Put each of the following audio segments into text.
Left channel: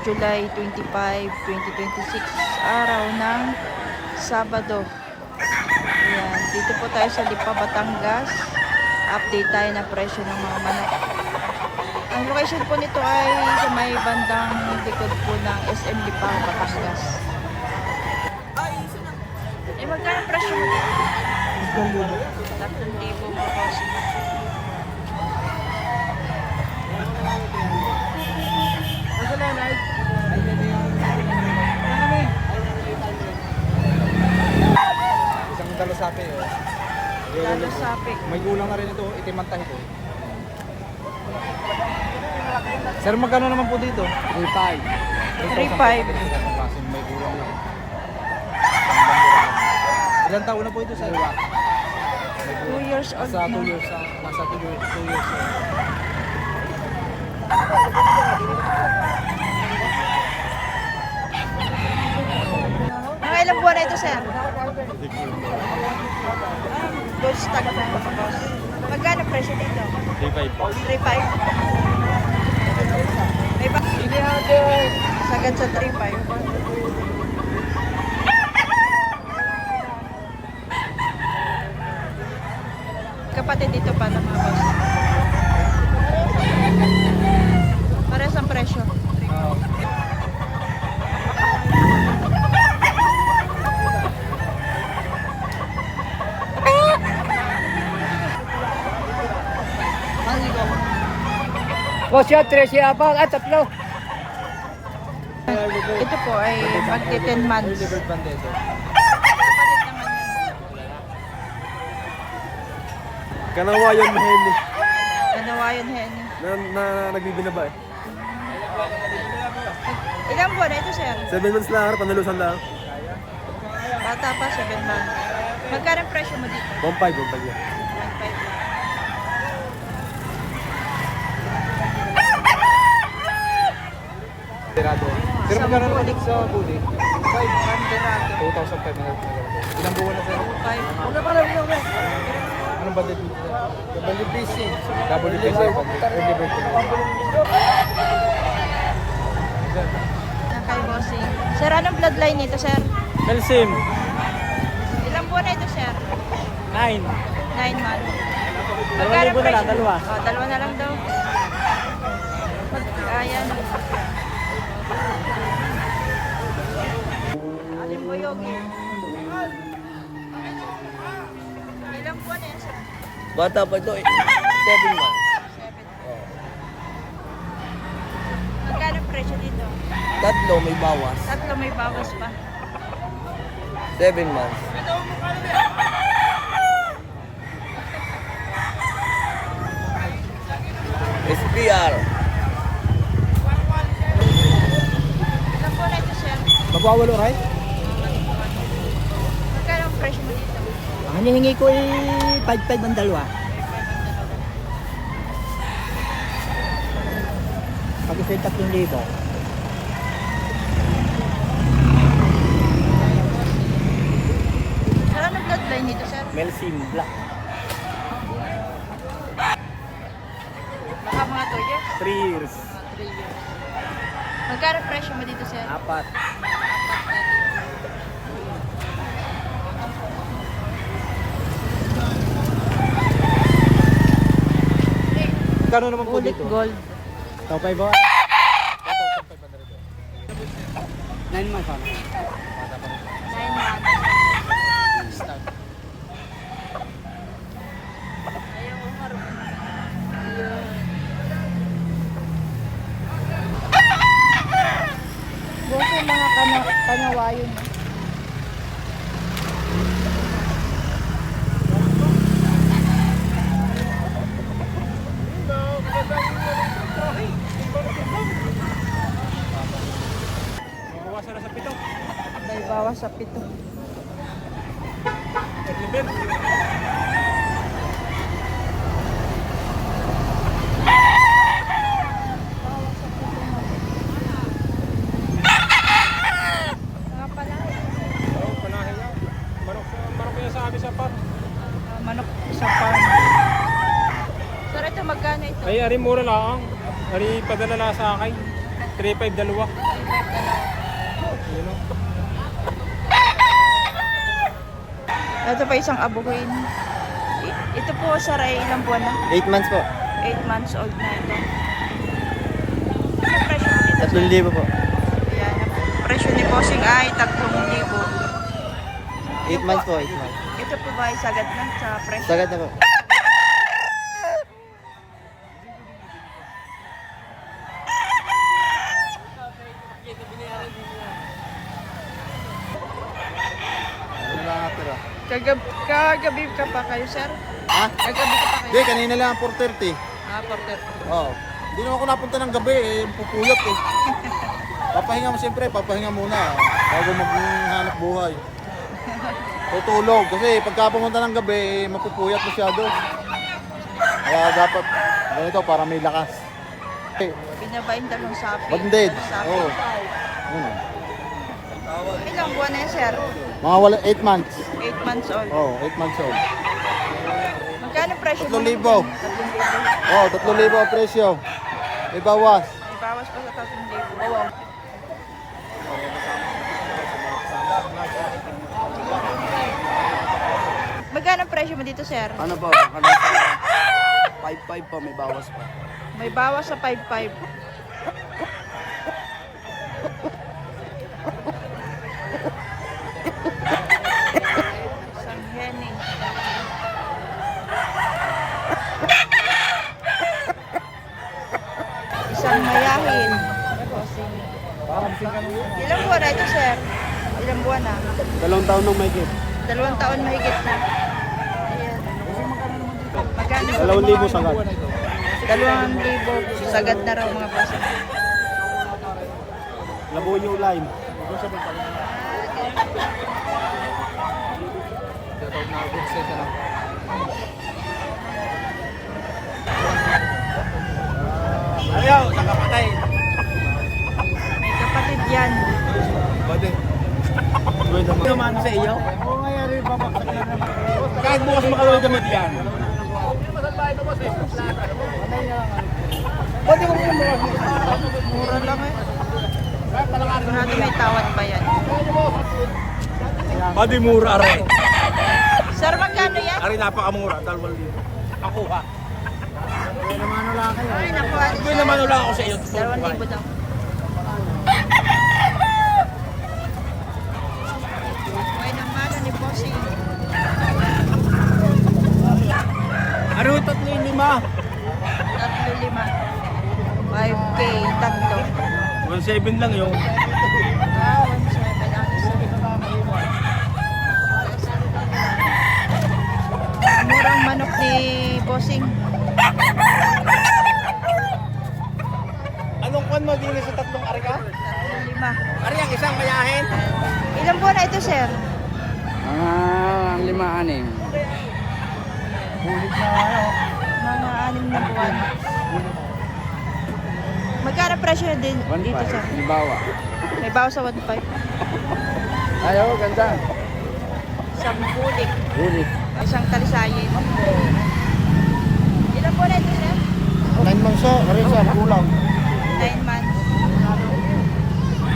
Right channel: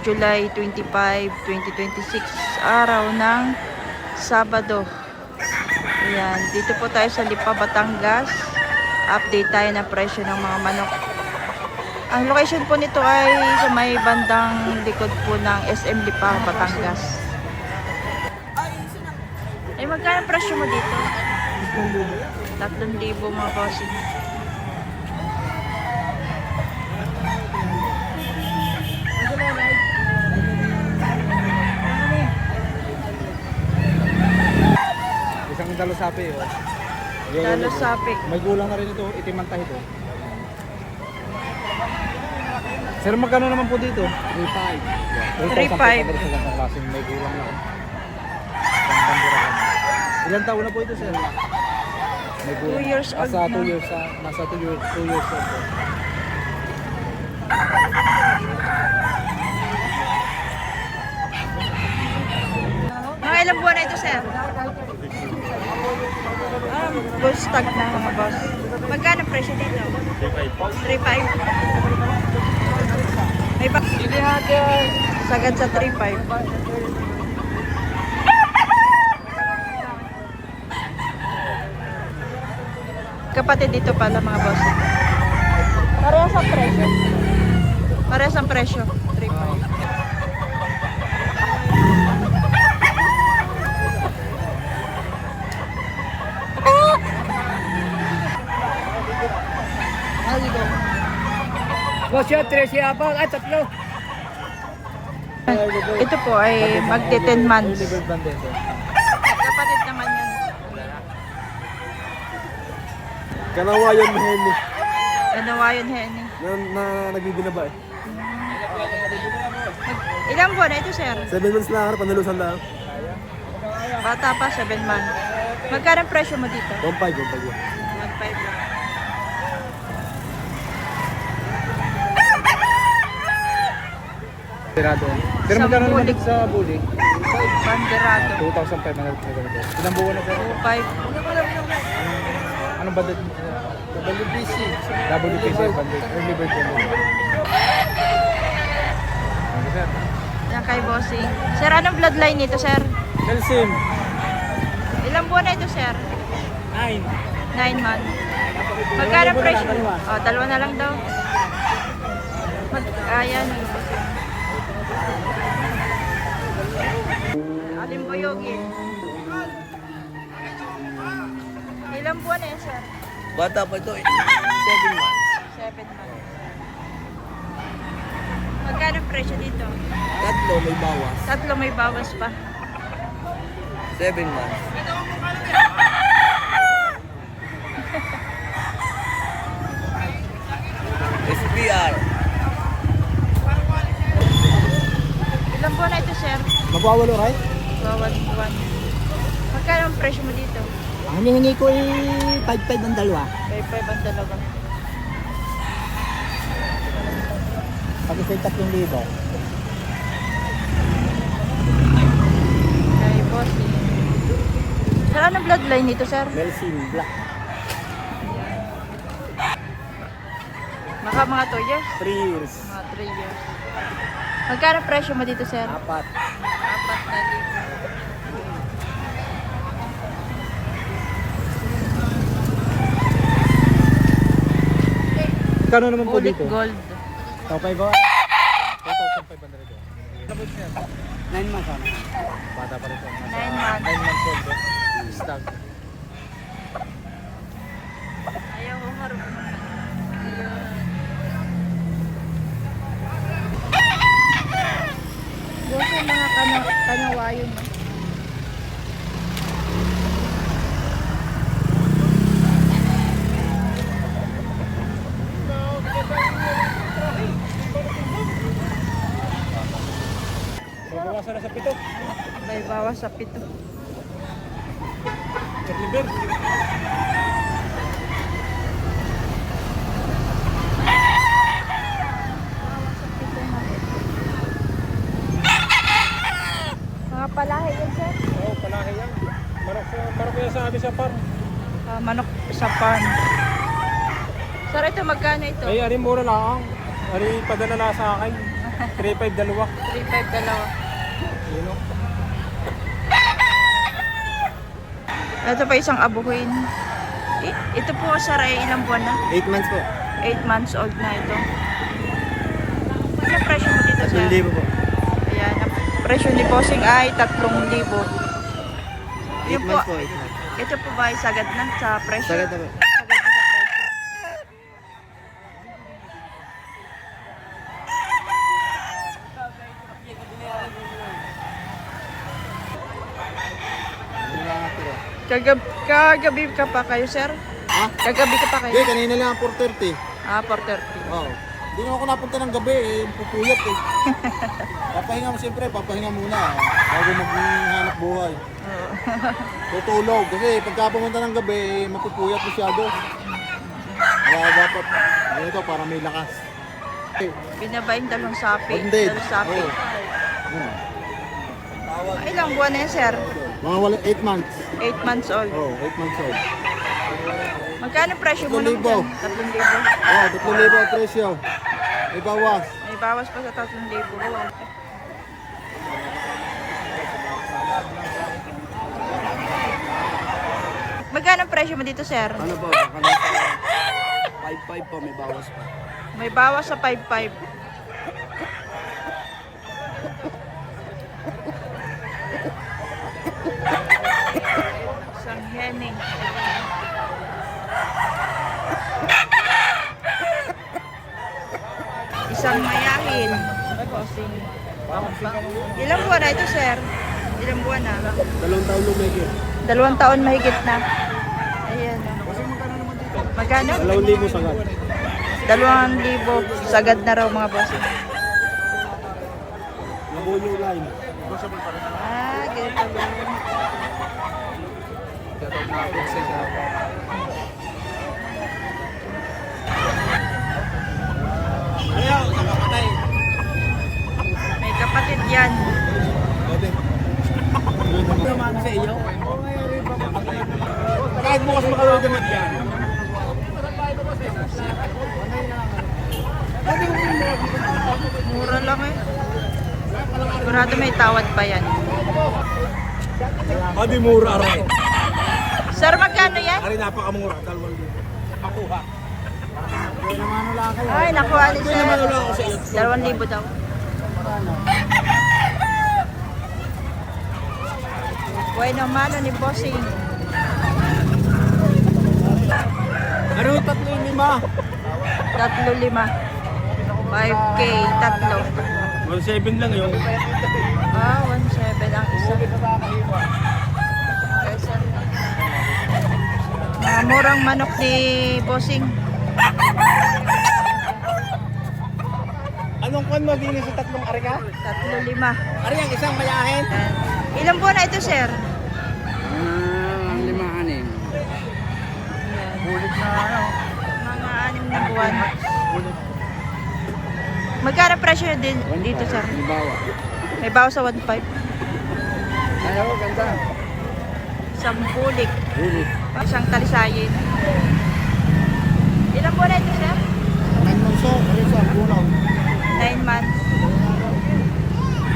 July 25, 2026, araw ng Sabado. Ayan, dito po tayo sa Lipa, Batangas. Update tayo ng presyo ng mga manok. Ang location po nito ay sa may bandang likod po ng SM Lipa, Batangas. Ay, magkano presyo mo dito? 3,000 mga bossing. Isang dalasapi. Dalasapi. May gulang na rin ito, itim ang tahi ito. Sir, magkano naman po dito? 3,500. 3,500. Ilang taon na po ito, sir? 2 years old nasa na. 2 years na. Nasa 2 years na. Mga ilang buwan na ito, sir? Bull stag na mga boss. Magkano presyo dito? 3,500. 3,500. May ba? Sagad sa 3,500. Kapatid dito pala mga boss. Parehas ang presyo. Parehas ang presyo. 3,500. Boss, yan, 3 apa? At 3. Ito po ay magti 10 months. Kapatid naman yan. Kanawayan Henny. Kanawayon Henny. Na nagbibinaba eh. Ilang buwan na ito, sir? 7 months lang, panalusan lang. Bata pa, 7 months. Magkano ang presyo mo dito? 1,500 yan. 1,500 lang. Sir, magkano naman bulik. sa buli? Banderado. 2,500. Ilang buwan na po? 2,500. Anong banda dito? Double BC. Double BC. Yan kay bossing. Sir, anong bloodline nito, sir? Calcium. Ilang buwan na ito, sir? 9. 9 months. Magkano Dalawa na presyo? lang, dalawa. Oh, dalawa na lang daw. Ayan. Alimboyogi. Ilang buwan na yan, sir? Bata pa ito, 7 months. 7 months. Magkano presyo dito? Tatlo may bawas. Tatlo may bawas pa. 7 months. SPR. Ilang buwan na ito, sir? Magwawalo, right? Bawat buwan. Magkano ang presyo mo dito? Ang hinihingi ko ay 5,500 ang dalawa. May 5 dalawa. Pag ito'y 3,000. Kay boss. Sir, anong bloodline nito, sir? Melsim Black. Baka mga 2 years? 3 years. Mga 3 years. Magkano presyo mo dito, sir? 4. 4,000. Kano naman po Ulit dito? gold. Tapay ba? 9 months ano? 9 months. Ayaw ko marunong. Ayun. Bukas yung mga kanawayon. Bawasan na sa 7. May bawas sa 7. Liber. Bawas sa 7 na. Mga palahe yun, sir. Oo, palahin yan. Parang kaya sa atin sa par. Manok sa farm. Sir, ito magkano ito? Ay, ari mura lang. Ari padala na sa akin. 3.5 dalawa. 3.5 dalawa. Yun o. Ito pa isang abuhin. Ito po sir ay ilang buwan na? 8 months po. 8 months old na ito. Ano presyo mo dito sir? 3,000 po. Ayan, ang presyo ni Bossing ay 3,000. 8 Yun months po, po, 8 months. ito po ba ay sagad na sa presyo? Sagad na po. Sagad na sa presyo. Ano lang natira? Kagabi ka pa kayo sir? Ha? Kagabi ka pa kayo? Hindi, kanina lang 4:30. Ah, 4:30. Oo. Hindi na ako napunta ng gabi eh, pupuyat eh. Papahinga mo siyempre, papahinga muna bago maghanap buhay. Tutulog kasi pagka pumunta ng gabi, mapupuyat masyado. Kaya dapat ganito para may lakas. Binabayin dalawang sapi. Banded. Dalawang sapi. Oo. Ilang buwan na yan sir? Mga 8 months. 8 months old. Oo, 8 months old. Magkano presyo mo 3,000. naman? 3,000. Oo, 3,000 ang presyo. May bawas. May bawas pa sa 3,000. Magkano presyo mo dito sir? Ano ba? Baka nasa 5.5 pa, may bawas pa. May bawas sa 5,500. Isang henning. Isang mayahin. Bossing. Ilang buwan na ito sir? Ilang buwan na? 2 taon nung may gift. 2 taon mahigit na. Ayan. Magkano? 2,000 sagad. 2,000 sagad na raw mga bossing. Labonyo line. Ah, ganito. Ayaw, nakapatay. May kapatid yan. Pwede. Pwede naman sa iyo. Kahit bukas makawal gamit yan. Mura lang eh. Sigurado may tawad pa yan. Pwede mura rin. Sir, magkano yan? Ari napakamura, 2,000. Ako ha. Ay, nakuha ni Hindi sir. naman wala ako sa iyo. 2,000 daw. Bueno, mano ni Bossing. Ano 3,500? 3,500. 5K, tatlo. 1,700 lang yun. Ah, 1,700 ang isa. Okay, sir. Murang manok ni Bossing. Anong kan maginis sa 3 ari ka? 3,500. Ari ang isang mayahin. Ilang buwan na ito, sir? 5-6. Mga 6 na buwan. Magkano presyo din dito, sir? May bawa. May bawas sa 1,500. Ayaw, ganda. Isang bulik. Bulit. Isang talisayin. Ilang buwan na ito, sir? 9 months siya. Ari siya, kulang. 9 months.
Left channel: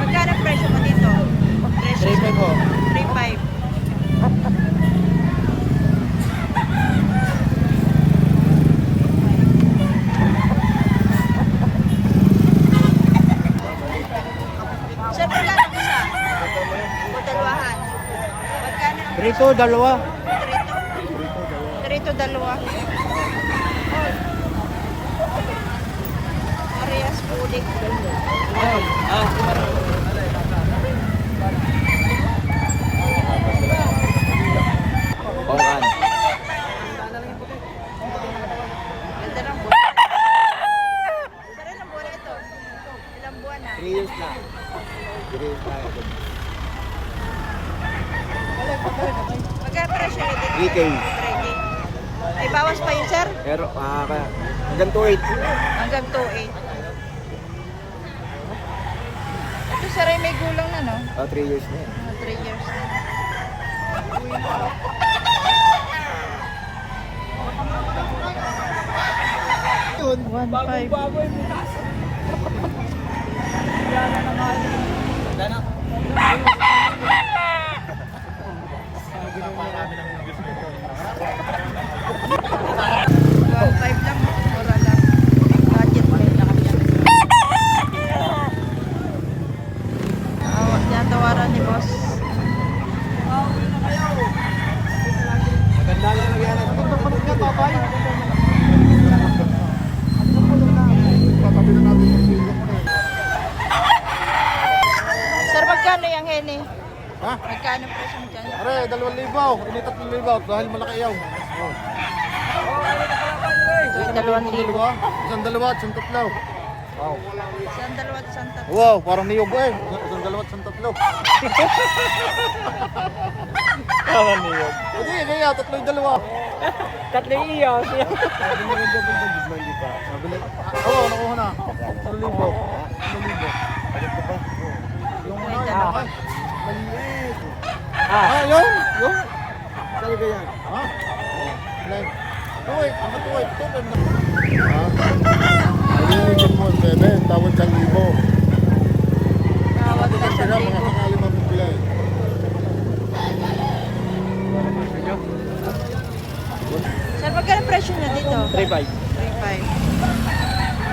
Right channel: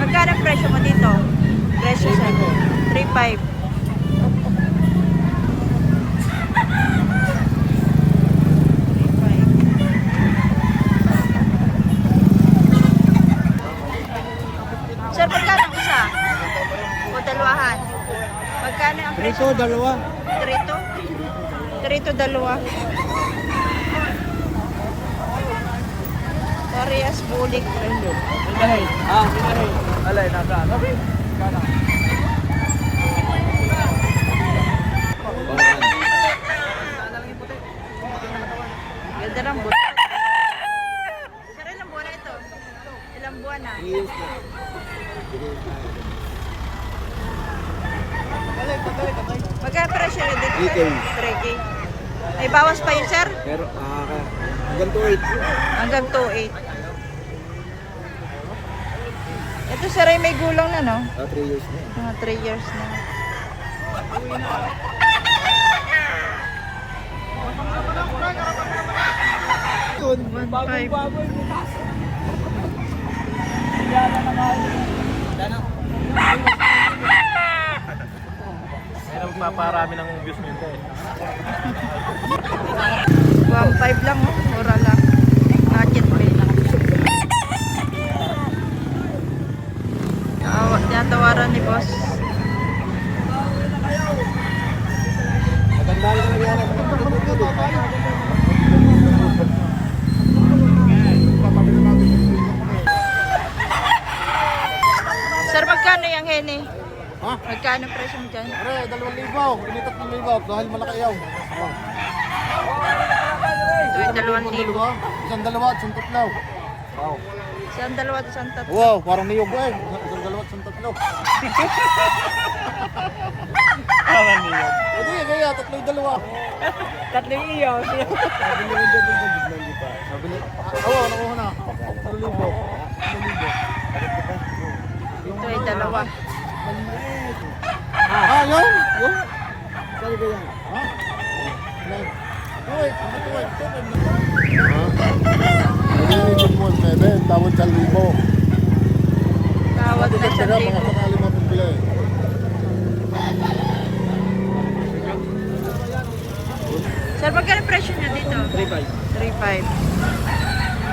Magkano presyo mo dito? Presyo, sir? 3,500. Sir, magkano ang isa? O dalawahan? Magkano ang presyo? Ito, dalawa. 3 to 2. Parehas bulik. Pangan. Ganda ng bulik. Sir, ilang buwan na ito? Ilang buwan na? 3 years na. Magkano presyo na dito? 3K. 3K. May bawas pa yun, sir? Pero, hanggang 2.8. Hanggang 2,800. Ito, sir, ay may gulang na, no? 3 years na. Mga 3 years na. Yun, 1,500. bagong baboy bukas. Buwang 5 lang, oh. Mura lang. Racket play. Tinatawaran ni boss. Maganda yung nangyari. Magandang manok nga, tatay. Sir, magkano yung hene? Ha? Magkano presyo mo dyan? Are, 2,000. Ini 3,000 dahil malaki yaw. Oh. Ay, Isang 2,000. dalawa. Isang dalawa at isang tatlo. Wow. Isang dalawa at isang tatlo. Wow, parang niyog eh. Isang dalawa at isang tatlo. Parang niyog. Hindi, kaya tatlo yung dalawa. Tatlo yung iyo. Sabi nila double budget man di pa. Sabi nila, awa, nakuha na. 1,000. 1,000. Balik ko pa. Yung Ito ay dalawa. maliit. Ah, yun. Yun. Saan ka yan? Ha? Like, tuwait. Ang tuwait. Tuwait na. Ha? Nalilipin mo, 7. Tawad 1,000. Tawad na Sila, mga 1,000. sakali mabibili. Sir, magkano presyo niya dito? 3,500. 3,500.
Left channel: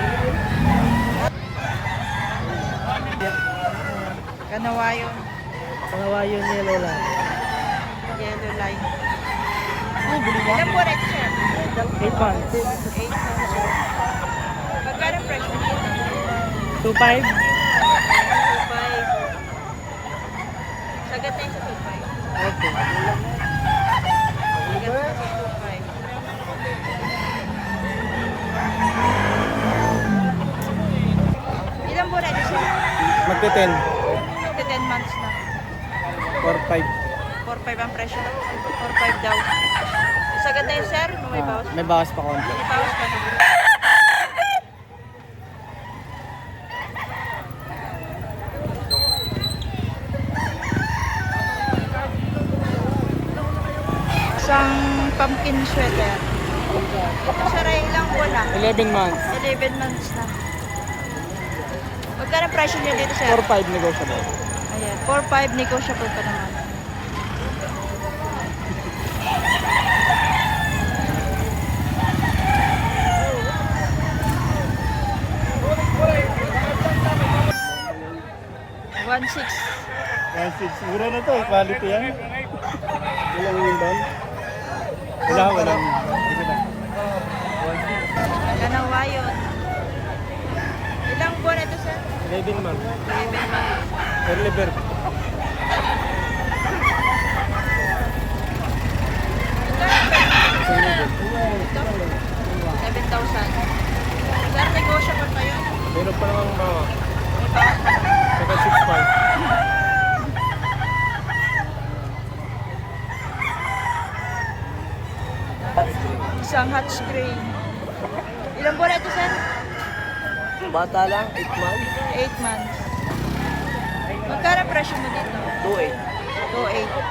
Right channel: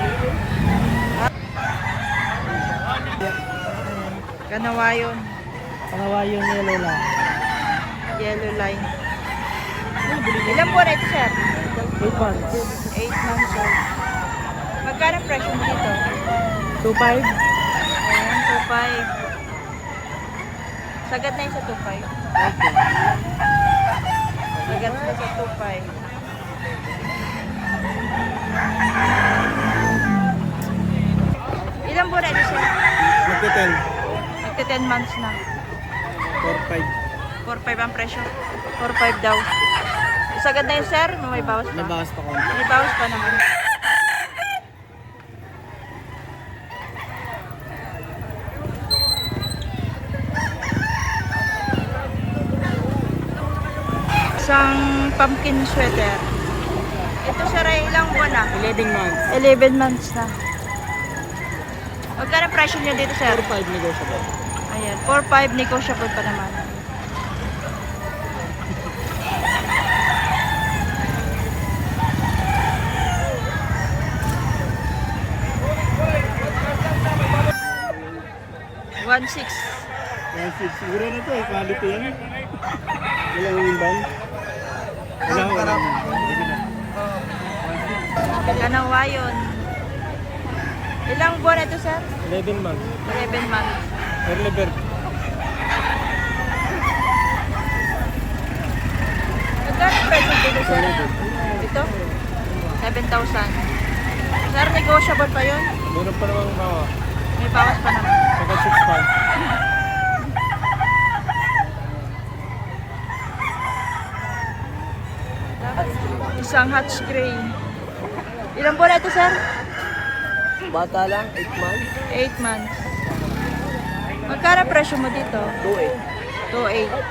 Kanawayon. Pangawayon yellow lang. Yellow line. Ilang buwan na ito, sir? 8 months. 8 months old. Magkano presyo mo dito? 2,500. Ayan, 2,500. Sagat na yun sa 2,500. Okay. Sagat na sa 2,500. Ilang buwan na ito, sir? Magte-10. Magka 10 months na. 4,500. 4,500 ang presyo. 4,500 daw. Sagad na yun, sir? May bawas pa? May bawas pa konti. May bawas pa naman. Isang pumpkin sweater. Ito, sir, ay ilang buwan na? 11 months. 11 months na. Magkano presyo niya dito, sir? 4,500 negotiable. Ayan, 4,500 negotiable pa naman. One six. Siguro na to, quality yan. Ilang yung bang? Wala. Kanawayon. Ilang buwan na ito, sir? 11 months. 11 months. Early bird. Magkano presyo dito, sir? Ito? 7,000. Sir, negotiable pa yun? Meron pa naman bawa. May bawas pa naman. Saka 6,500. Isang Hutch Gray. Ilang buwan na ito, sir? Bata lang, 8 months. 8 months. Magkano presyo mo dito? 2,800. 2,800.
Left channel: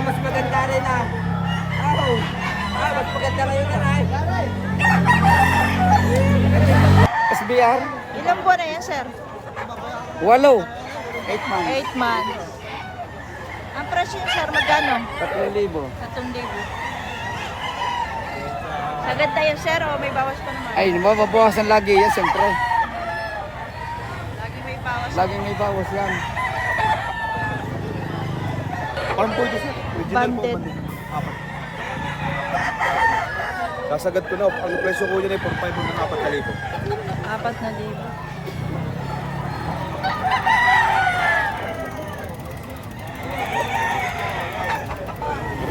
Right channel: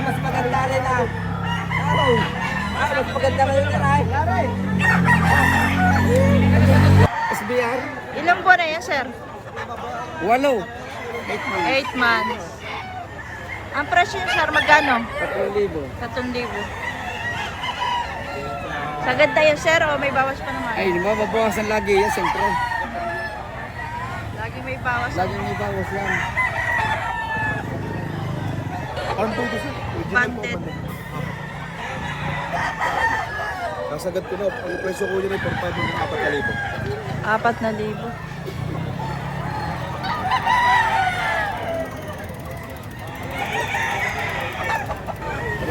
Mas maganda rin ah. Mas maganda ngayon na ay. SBR? Ilang buwan na yan, sir? 8 months. 8 months. Ang presyo niya, sir, magkano? 3,000. 3,000. Sagad na yun, sir, o may bawas pa naman? Ay, mababawasan lagi yan, siyempre. Lagi may bawas. Laging may bawas yan. Parang po ito siya. Banded. Kasagad ko na, ang presyo ko yun ay 4,500 ng 4,000. 4,000.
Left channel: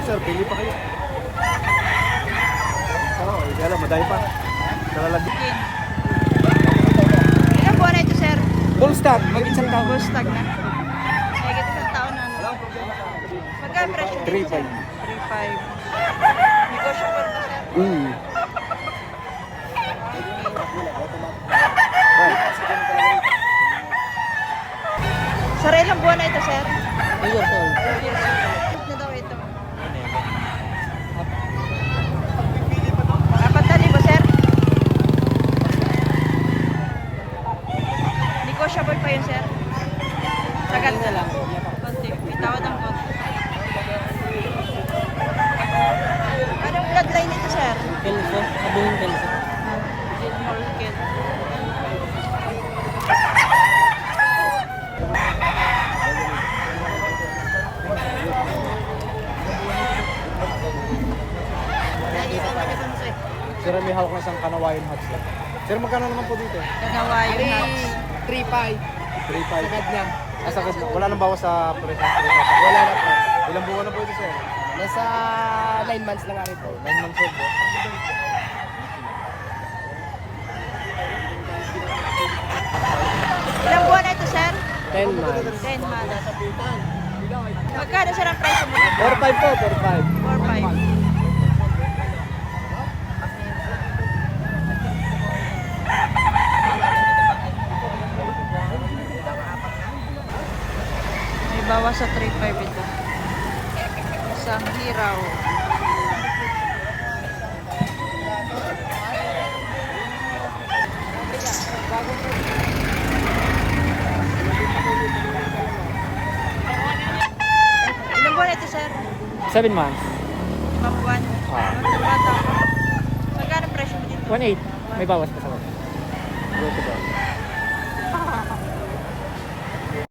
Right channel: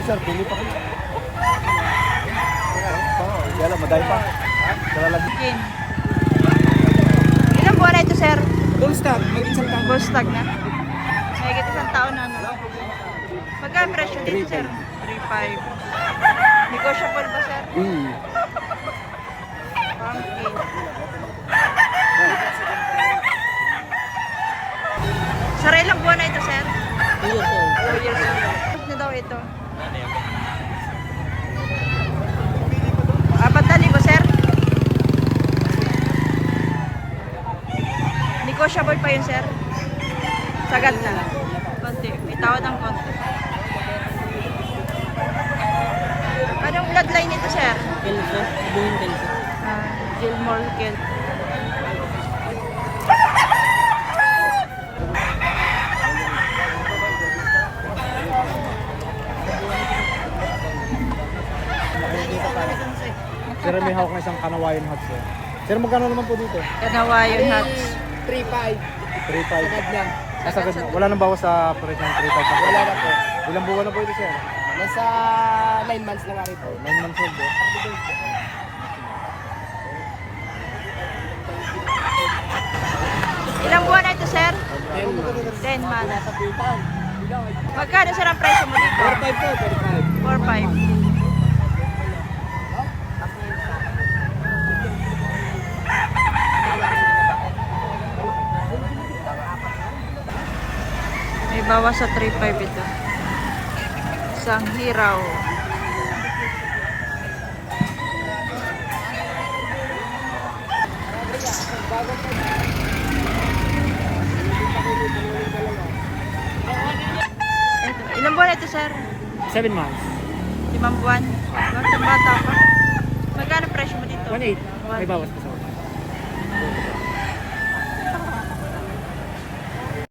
Sir, pili pa kayo. Oo, yan lang, maday pa. Salalagyan. Chicken. Ilang buwan na ito, sir? Full stop, may isang tao. Full stock na. Mahigit isang taon na, ano? Magkano presyo dito, sir? 3,500. Negotiable ba, sir? Sir, ilang buwan na ito, sir? 2 years old. Na daw ito. 4,000, sir? Negotiable pa yun, sir? Sagad na. Konti. May tawad ang konti. Anong bloodline nito, sir? Kelso, abuhin Kelso. Gilmore Kel. Sir, may hawak na siyang kanawayan hats. Sir, magkano naman po dito? Kanawayon hats. 3-5. 3.5. Sagad lang. Kasagad. Wala nang bawas sa presyo ng 3.5. Wala na po. Ilang buwan na po ito, sir? Nasa 9 months na nga rin po. 9 months old. Ilang buwan na ito, sir? 10 months. 10 months. Magkano, sir, ang presyo mo dito? 4-5 po, 4-5. 4-5. May bawas sa 3.5 ito. Isang hiraw. Ilang buwan ito, sir? 7 months. 5 buwan? Bakit ang bata pa? Magkano presyo mo dito? 1.8. May bawas pa sa